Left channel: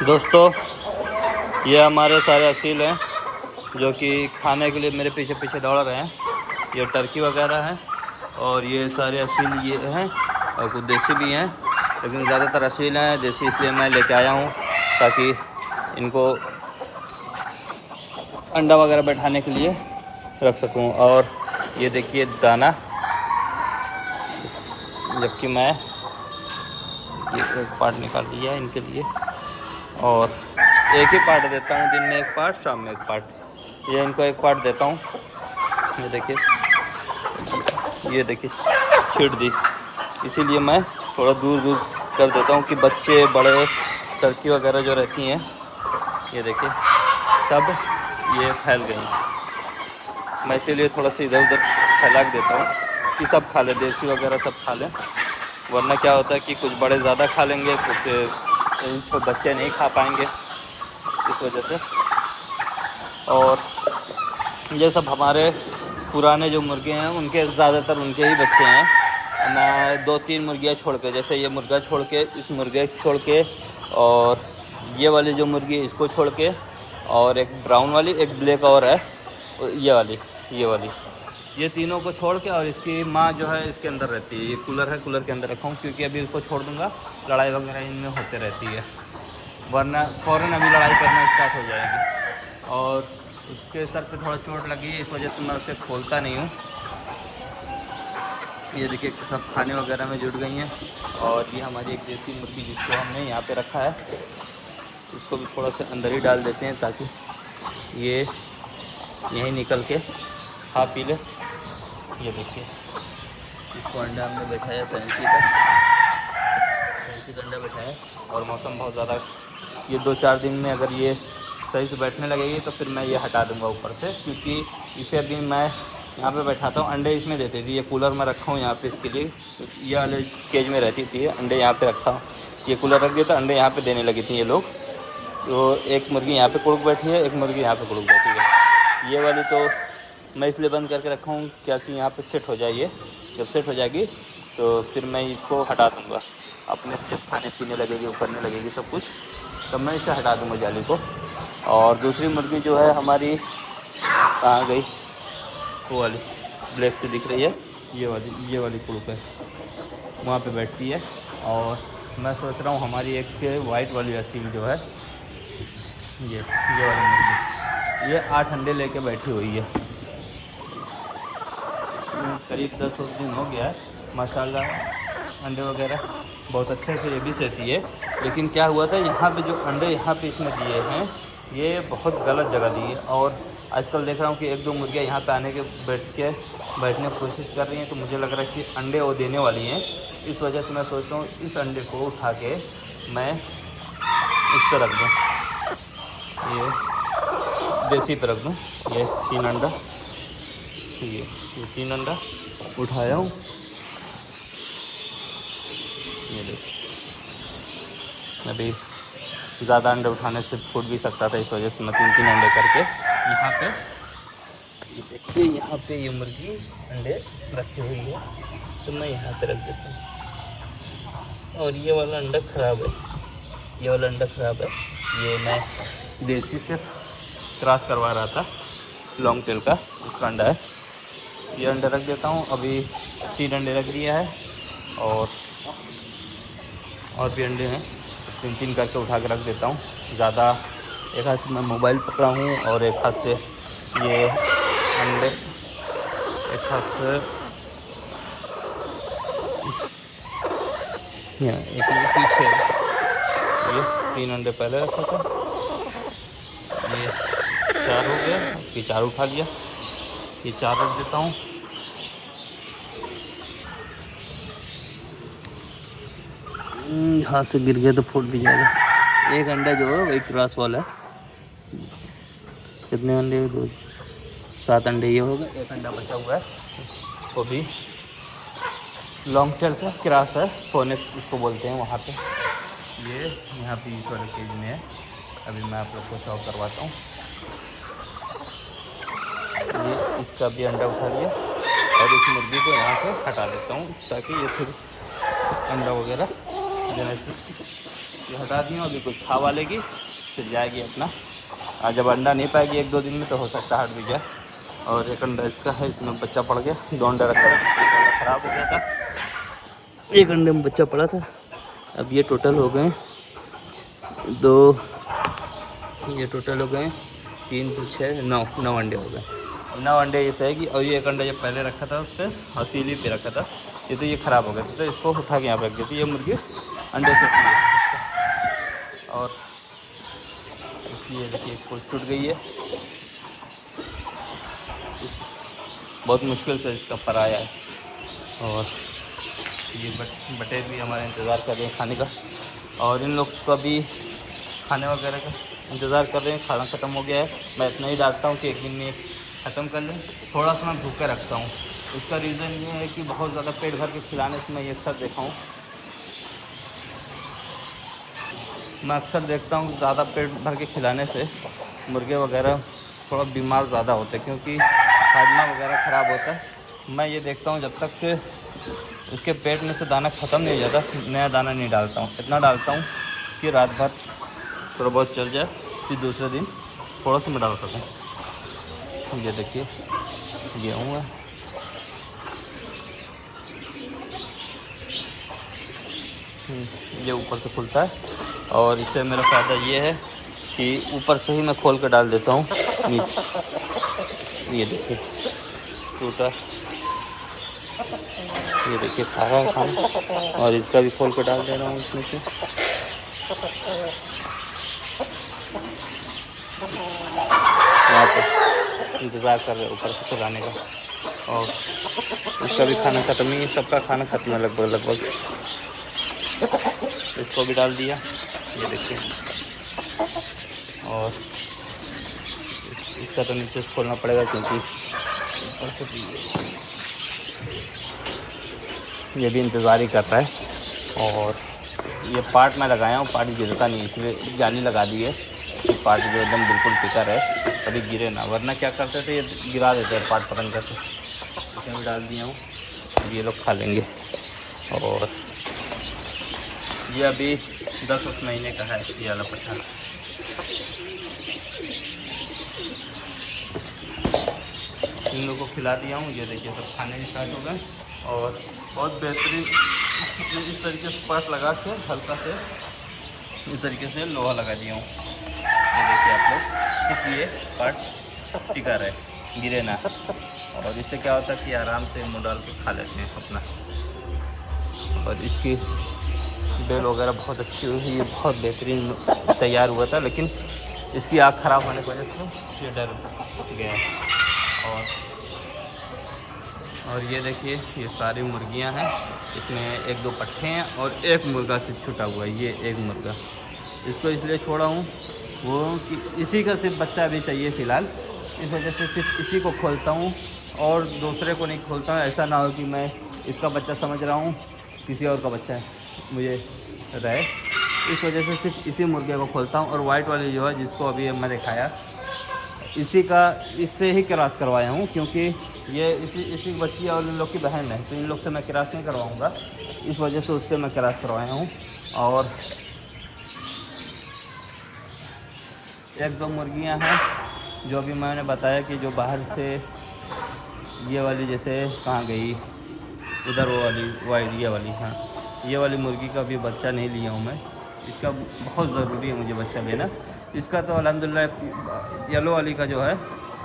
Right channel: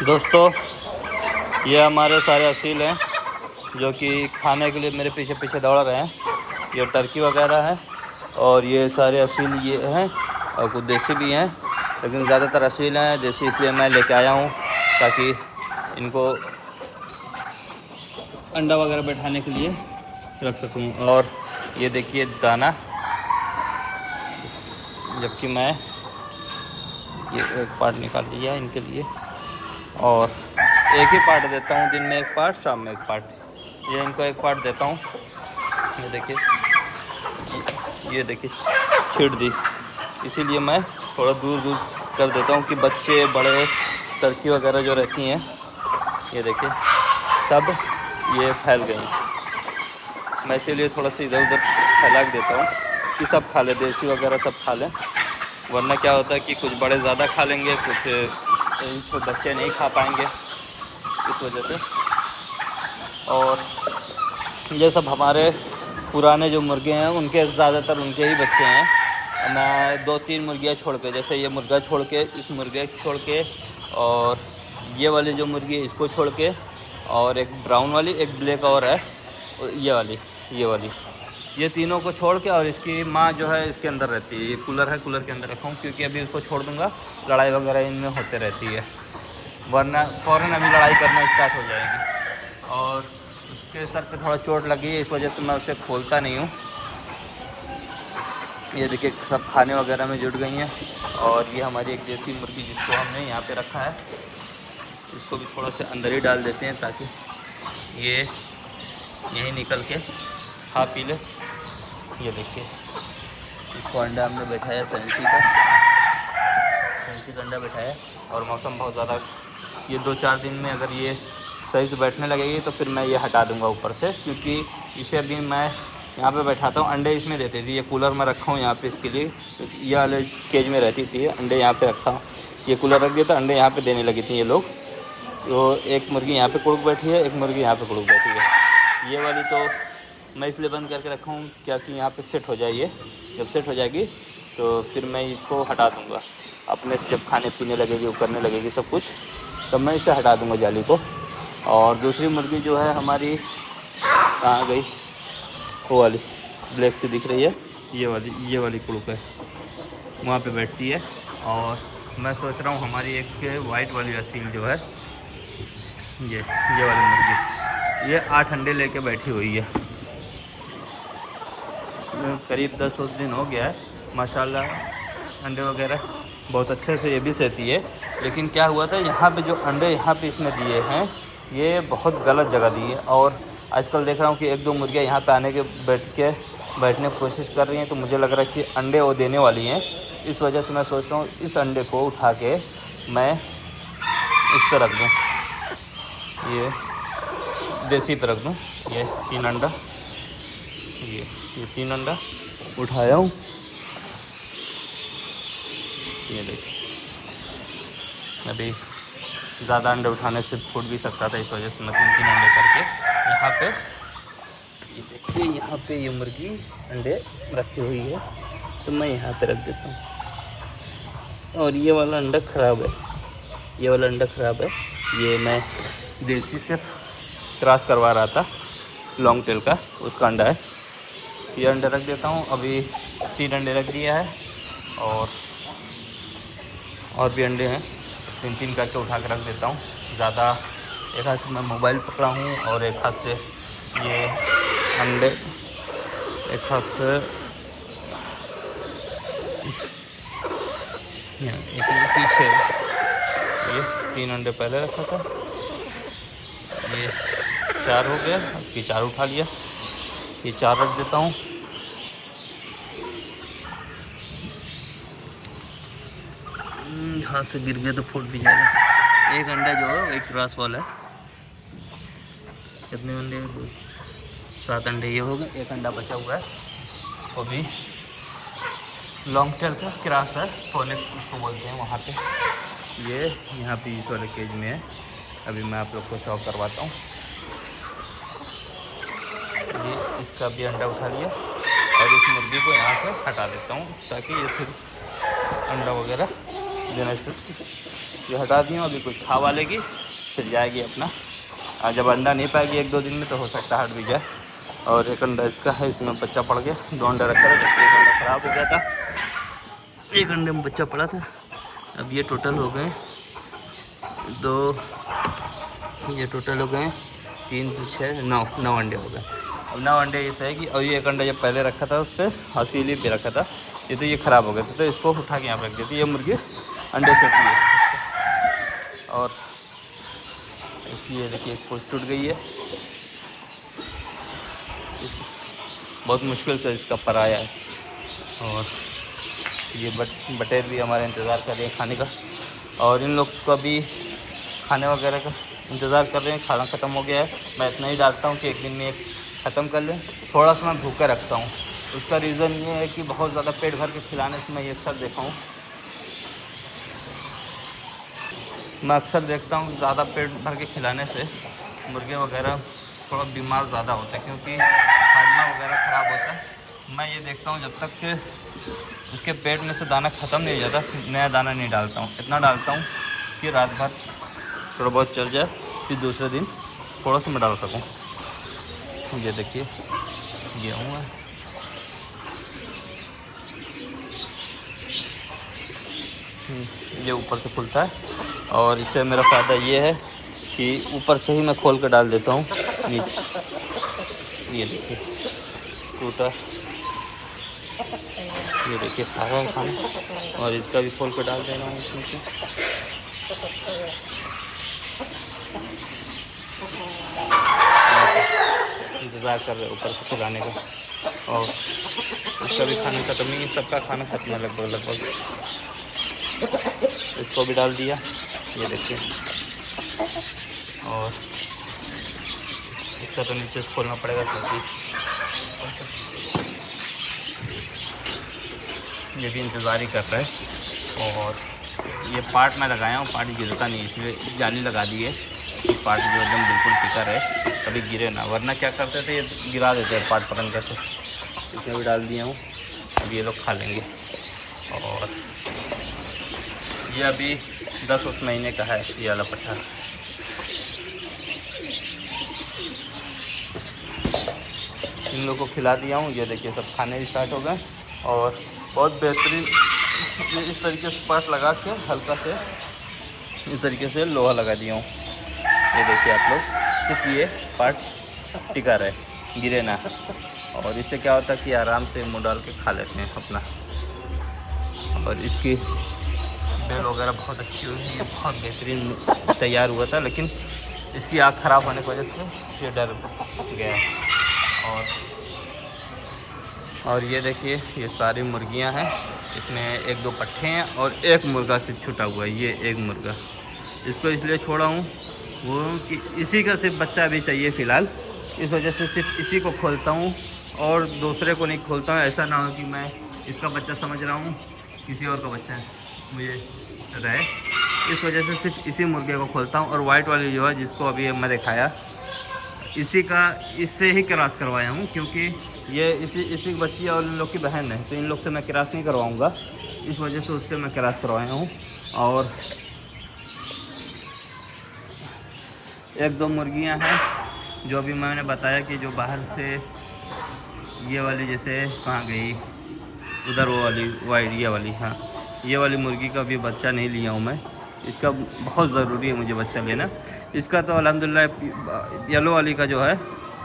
दोस्तों, ये हमारे सारे असील हैं जो कि खाने के लिए मेरे पीछे पीछे दौड़ रहे हैं। ये टर्की वगैरह हैं और ये सारे असील ये हैं और कुछ देसी भी हैं, लेकिन ज़्यादातर असील हैं। देसी इसलिए मैं लेके आया हूँ ताकि इनको अंडा वगैरह बैठाने के लिए रख सकूँ। और ये देखिए दाना, जबकि मैं ये एक पार्ट निकाल लिया इनके लिए और एक ही पार्ट देता हूँ, दिन में एक पार्ट, शाम में एक पार्ट। ये इनको एक पार्ट देता हूँ। ये देखिए छीट दी, इसीलिए मैं थोड़ा दूर दूर कर देता हूँ कि बच्चे बड़े टर्की वगैरह जो रहती हैं, ये देखिए सब ये फैल गई। मैं इसीलिए थोड़ा सा इधर उधर फैला के देता हूँ कि सब खा लें, देसी वगैरह सब खा लें। वरना क्या होता है कि कुछ बड़े ज़्यादा खा लेंगे, कुछ छोटे बच्चे नहीं खा पाएंगे, इस वजह से। और ये सब हमारे पुराने जो मुर्गे हैं उनके ज़्यादातर उनके ही बच्चे हैं। मैं 2-3 मुर्गियाँ छोड़ के, जैसे ये मुर्गा छोड़ के, इस मुर्गे छोड़ के, और ये वाली जो मुर्गी है इसको छोड़ के, और एक ब्राउन वाली, एक ब्लैक और है, और ये वाली ये तीनों को छोड़ के, और इसकी माँ जो है इसके अंदर रहती है। ये कूलर है, कूलर के अंदर रखा हूँ क्योंकि अभी इसको छोड़ दूँगा लड़ाई वगैरह इनमें होते रहती है, वरना फ़ौरन अभी लड़ाई करना स्टार्ट हो जाएगी। और उसके सर पे थोड़ा चोट लगी है, इस वजह से मैं उसे खोलता नहीं हूँ। ये देखिए सब खाने वगैरह में जुट गई हैं। और ये हमारी एक देसी मुर्गी जिसको हमने यहाँ पे रखा है, इसको भी थोड़ा सा अंदर ही डाल देते हैं ताकि ये यहीं निकल के खा पी ले। ये देखिए इसको अंडा हमने बैठाया फैंसी का अंडा बैठाया। और मौसम बहुत ज़्यादा, ये 2-4 दिन में अगर ये सही से बैठने लगेगी तो फिर मैं ये हटा दूंगा ऊपर से, क्योंकि इसे अभी मैं यहाँ पे बैठाता हूँ। अंडे इसमें देती थी, ये कूलर में रखा हूँ यहाँ पे इसके लिए, ये वाले केज में रहती थी, अंडे यहाँ पे रखा हूँ। ये कूलर रख दिया था, अंडे यहाँ पे देने लगी थी ये लोग। तो एक मुर्गी यहाँ पे कुड़क बैठी है, एक मुर्गी यहाँ पे कुड़क बैठी है। ये वाली तो मैं इसलिए बंद करके रखा हूँ क्या कि यहाँ पे सेट हो जाएगी। जब सेट हो जाएगी तो फिर मैं इसको हटा दूँगा, अपने जब खाने पीने लगेगी, वो करने लगेगी सब कुछ, तब मैं इसे हटा दूँगा जाली को। और दूसरी मुर्गी जो है हमारी कहाँ गई, वो वाली ब्लैक से दिख रही है, ये वाली कुड़क है, वहाँ पे बैठती है। और मैं सोच रहा हूँ हमारी एक वाइट वाली असील जो है, ये वाली मुर्गी, ये 8 अंडे लेके बैठी हुई है। करीब 10 दिन हो गया है, माशाल्लाह अंडे वगैरह बहुत अच्छे से ये भी सहती है। लेकिन क्या हुआ था, यहाँ पे जो अंडे यहाँ पे इसने दिए हैं, ये बहुत गलत जगह दिए। और आजकल देख रहा हूँ कि 1-2 मुर्गियाँ यहाँ पे आने के बैठने की कोशिश कर रही हैं, तो मुझे लग रहा है कि अंडे वो देने वाली हैं। इस वजह से मैं सोच रहा हूँ इस अंडे को उठा के मैं इस पर रख दूँ, ये देसी पे रख दूँ। ये 3 अंडा, ये 3 अंडा उठाया हूँ। ये देखिए अभी ज़्यादा अंडे उठाने से फूट भी सकता था, इस वजह से मैं 3-3 अंडे करके यहाँ पे, ये देखिए यहाँ पे ये मुर्गी अंडे रखी हुई है, तो मैं यहाँ पे रख देता हूँ। और ये वाला अंडा ख़राब है, ये वाला अंडा ख़राब है। ये मैं देसी से क्रॉस करवा रहा था, लॉन्ग टेल का, उसका अंडा है। ये अंडे रख देता हूँ, अभी 3 अंडे रख दिया है। और भी अंडे हैं, 3-3 करके उठा कर रख देता हूँ। ज़्यादा एक हाथ से मैं मोबाइल पकड़ा हूँ और एक हाथ से ये अंडे, एक हाथ से एक पीछे, ये 3 अंडे पहले रखा था, ये 4 हो गया, ये 4 उठा लिया, ये 4 रख देता हूँ। हाथ से गिर गया तो फूट भी जाएगा। एक अंडा जो है वही क्रॉस वाला है। कितने अंडे, 7 अंडे ये हो गए, एक अंडा बचा हुआ है, वो भी लॉन्ग टेल का क्रॉस है, फोनिक्स इसको बोलते हैं वहाँ पे। ये यहाँ पे इस वाले केज में है, अभी मैं आप लोग को शॉक करवाता हूँ। ये इसका भी अंडा उठा लिया और इस मुर्गी को यहाँ से हटा देता हूँ ताकि ये फिर अंडा वगैरह देना ये हटा दी हूँ, अभी कुछ खा वा लेगी फिर जाएगी अपना। जब अंडा नहीं पाएगी 1-2 दिन में तो हो सकता है हट भी जाए। और एक अंडा इसका है, इसमें बच्चा पड़ गया, 2 अंडा रखा था, एक अंडा ख़राब हो गया था, एक अंडे में बच्चा पड़ा था। अब ये टोटल हो गए 2, ये टोटल हो गए 3 तो 6 9 अंडे हो गए। अब 9 अंडे ये सही। और ये एक अंडा जब पहले रखा था उस पर हसीली पे रखा था, ये तो ये ख़राब हो गया था, तो इसको उठा के यहाँ पर रख देती। ये मुर्गी अंडे से है। और इसकी ये देखिए कुछ टूट गई है, बहुत मुश्किल से इसका पर आया है। और ये बटेर भी हमारे इंतज़ार कर रहे हैं खाने का, और इन लोग का भी खाने वगैरह का इंतज़ार कर रहे हैं। खाना ख़त्म हो गया है, मैं इतना ही डालता हूँ कि एक दिन में ख़त्म कर लें। थोड़ा सा मैं भूखा रखता हूँ, उसका रीज़न ये है कि बहुत ज़्यादा पेट भर के खिलाने से मैं अक्सर देखा हूँ, ज़्यादा पेट भर के खिलाने से मुर्गे वगैरह थोड़ा बीमार ज़्यादा होते हैं, क्योंकि हाजमा वगैरह ख़राब होता है। मैं ये देखता हूँ जब तक कि उसके पेट में से दाना ख़त्म नहीं हो जाता, नया दाना नहीं डालता हूँ। इतना डालता हूँ कि रात भर थोड़ा बहुत चल जाए, फिर दूसरे दिन थोड़ा सा मैं डाल सकूँ। ये देखिए गेहूँ है, ये ऊपर से खुलता है, और इससे मेरा फ़ायदा ये है कि ऊपर से ही मैं खोल कर डाल देता हूँ नीचे। ये देखिए टूटा, ये देखिए खा रहा है खाना, और इसका भी खोल कर डाल दे रहा हूँ इसमें से। यहाँ पर इंतज़ार कर रहे ऊपर से खिलाने का, और इसका भी खाना ख़त्म नहीं, सबका खाना खत्म है लगभग। इसको भी डाल दिया, ये देखिए। और इसका तो नीचे से खोलना पड़ेगा, क्योंकि ये भी इंतज़ार ही कर रहा है। और ये पार्ट मैं लगाया हूँ, पार्ट गिरता नहीं, इसलिए जाली लगा दी है कि पार्ट जो एकदम बिल्कुल टिका रहे, कभी गिरे ना। वरना क्या करते थे, ये गिरा देते हैं पार्ट पतंग से। इसमें भी डाल दिया हूँ, अब ये लोग खा लेंगे। और ये अभी 10 महीने का है ये वाला पट्टा। इन लोगों को खिला दिया हूँ, ये देखिए सब खाने स्टार्ट हो गए। और बहुत बेहतरीन ये इस तरीके से पार्ट लगा के हल्का से इस तरीके से लोहा लगा दिया हूँ। ये देखिए आप लोग, सिर्फ ये पार्ट टिका रहे, गिरे ना। और इससे क्या होता है कि आराम से मुँह डाल के खा लेते हैं अपना। और इसकी बेल वगैरह बहुत अच्छी हुई है, ये बहुत बेहतरीन तैयार हुआ था, लेकिन इसकी आँख ख़राब होने की वजह से ये डर गया। और ये देखिए ये सारी मुर्गियां हैं, इसमें 1-2 पट्ठे हैं और एक मुर्गा सिर्फ छूटा हुआ है। ये एक मुर्गा, इसको इसलिए छोड़ा हूँ वो कि इसी का सिर्फ बच्चा भी चाहिए फ़िलहाल, इस वजह से सिर्फ इसी को खोलता हूँ और दूसरे को नहीं खोलता हूँ। ऐसा ना हो कि मैं इसका बच्चा समझ रहा हूँ किसी और का बच्चा है मुझे रहे, इस वजह से सिर्फ इसी मुर्गे को खोलता हूँ। और वाइट वाली जो है जिसको अभी मैं दिखाया, इससे ही क्रॉस करवाया हूँ, क्योंकि ये इसी बच्ची और इन लोग की बहन है, तो इन लोग से मैं क्रॉस नहीं करवाऊँगा, इस वजह से उससे मैं क्रॉस करवाया हूँ। और 1-2 मुर्गियाँ हैं जो अभी मैंने बताया कि जो बाहर से ये वाली जैसे कहाँ गई, उधर वो वाली वाइट ये वाली, हाँ ये वाली मुर्गी का भी बच्चा नहीं लिया हूँ मैं। इसका बहुत ज़रूरी है मुझे बच्चा लेना। इसका तो अल्हम्दुलिल्लाह येलो वाली का जो है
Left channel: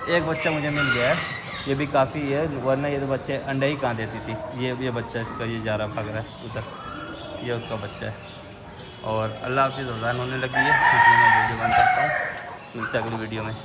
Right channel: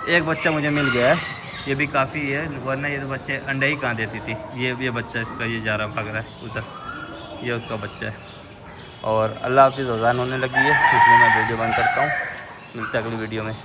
एक बच्चा मुझे मिल गया है, ये भी काफ़ी है, वरना ये तो बच्चे अंडे ही कहाँ देती थी। ये बच्चा इसका ये जा रहा भाग रहा है उधर, ये उसका बच्चा है। और अल्लाह हाफ़िज़, अज़ान होने लगी है, इसलिए मैं वीडियो बंद करता हूँ। मिलता है अगली वीडियो में।